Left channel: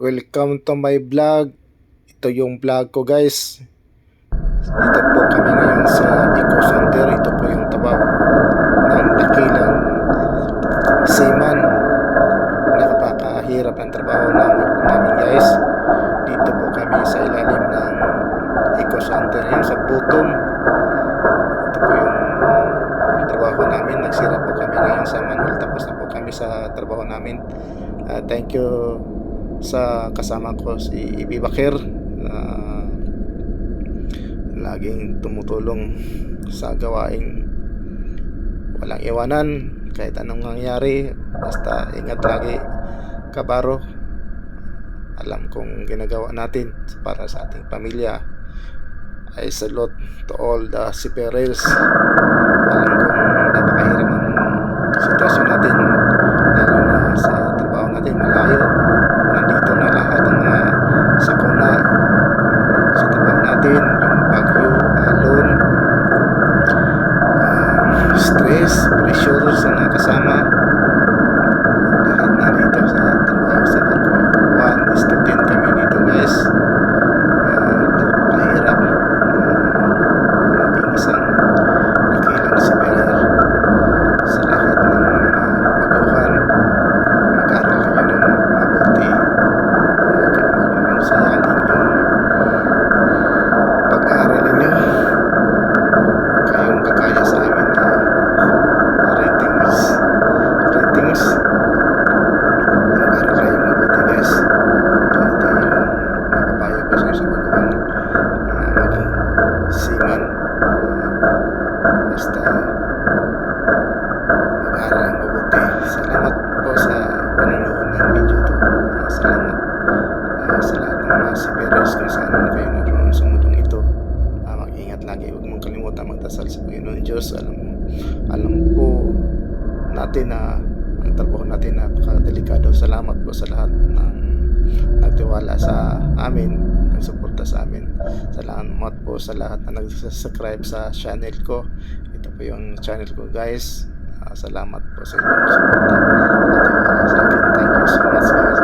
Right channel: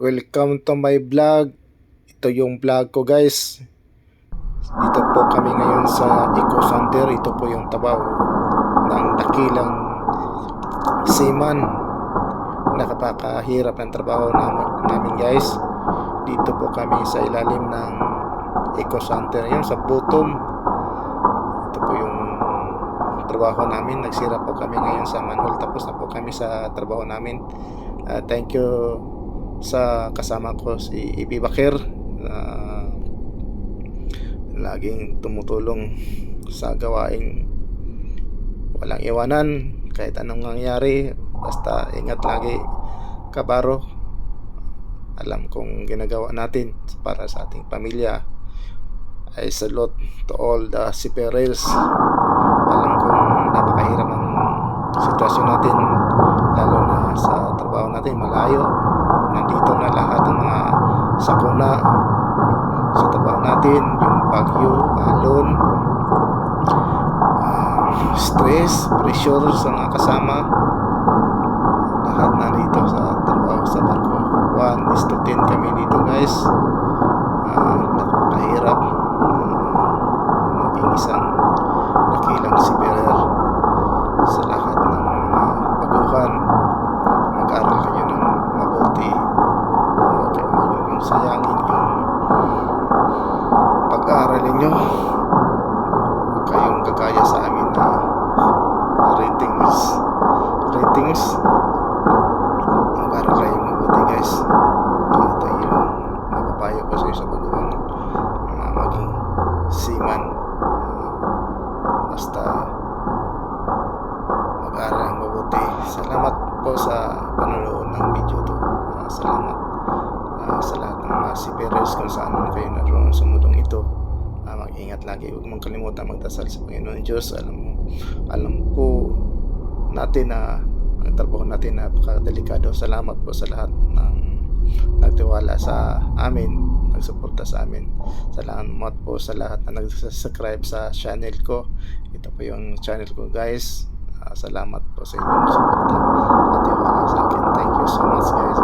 Welcome to my vlog. Ito yung vlog ko, guys. Dito po kami ngayon sa Eco Center. Ito po yung tabaw ng dakilang seaman. Nakapakahirap ang trabaho namin, guys. Dito po kami sa ilalim ng Eco Center, yung sa bottom. Ito po yung trabaho namin. Nagsira po kami ngayon sa manual. Tapos na po kami sa trabaho namin. Thank you sa kasama ko, si Ibi Bakir, laging tumutulong sa gawaing walang iwanan kahit anong nangyari. Basta ingat lagi, kabaro. Alam kong ginagawa natin para sa ating pamilya. I salute to all the seafarers. Alam kong napakahirap ang sitwasyon natin, lalo na sa trabaho natin malayo. Nandito na lahat ng mga sakuna sa trabaho natin, yung bagyo, alon, stress, pressure sa mga kasama. Lahat na dito sa trabaho sa barko. 1:10 kami dito, guys. Napakahirap maging isang dakilang seafarer. Sa lahat ng mga baguhan, mag-aral kayo ng mabuti. Huwag yung sayangin yung pag-aaral ninyo. Kayong kagaya sa amin na ratings. Mag-aral kayo mabuti, guys. Ito yung mapapayo ko sa baguhan maging seaman. Basta mag-aral ang mabuti. Salamat po sa panonood ng video to. Salamat sa lahat ng mga seafarers kung saan man kayo naroon sa mundong ito. Mag-ingat lagi. Huwag mong kalimutan magdasal sa Panginoon Diyos. Alam po natin na ang trabaho natin napakadelikado. Salamat po sa lahat ng nagtiwala sa amin, nagsuporta sa amin. Salamat po sa lahat na nag-subscribe sa channel ko. Ito po yung channel ko, guys. Salamat po sa inyong suporta at tiwala sa akin. Thank you so much, guys.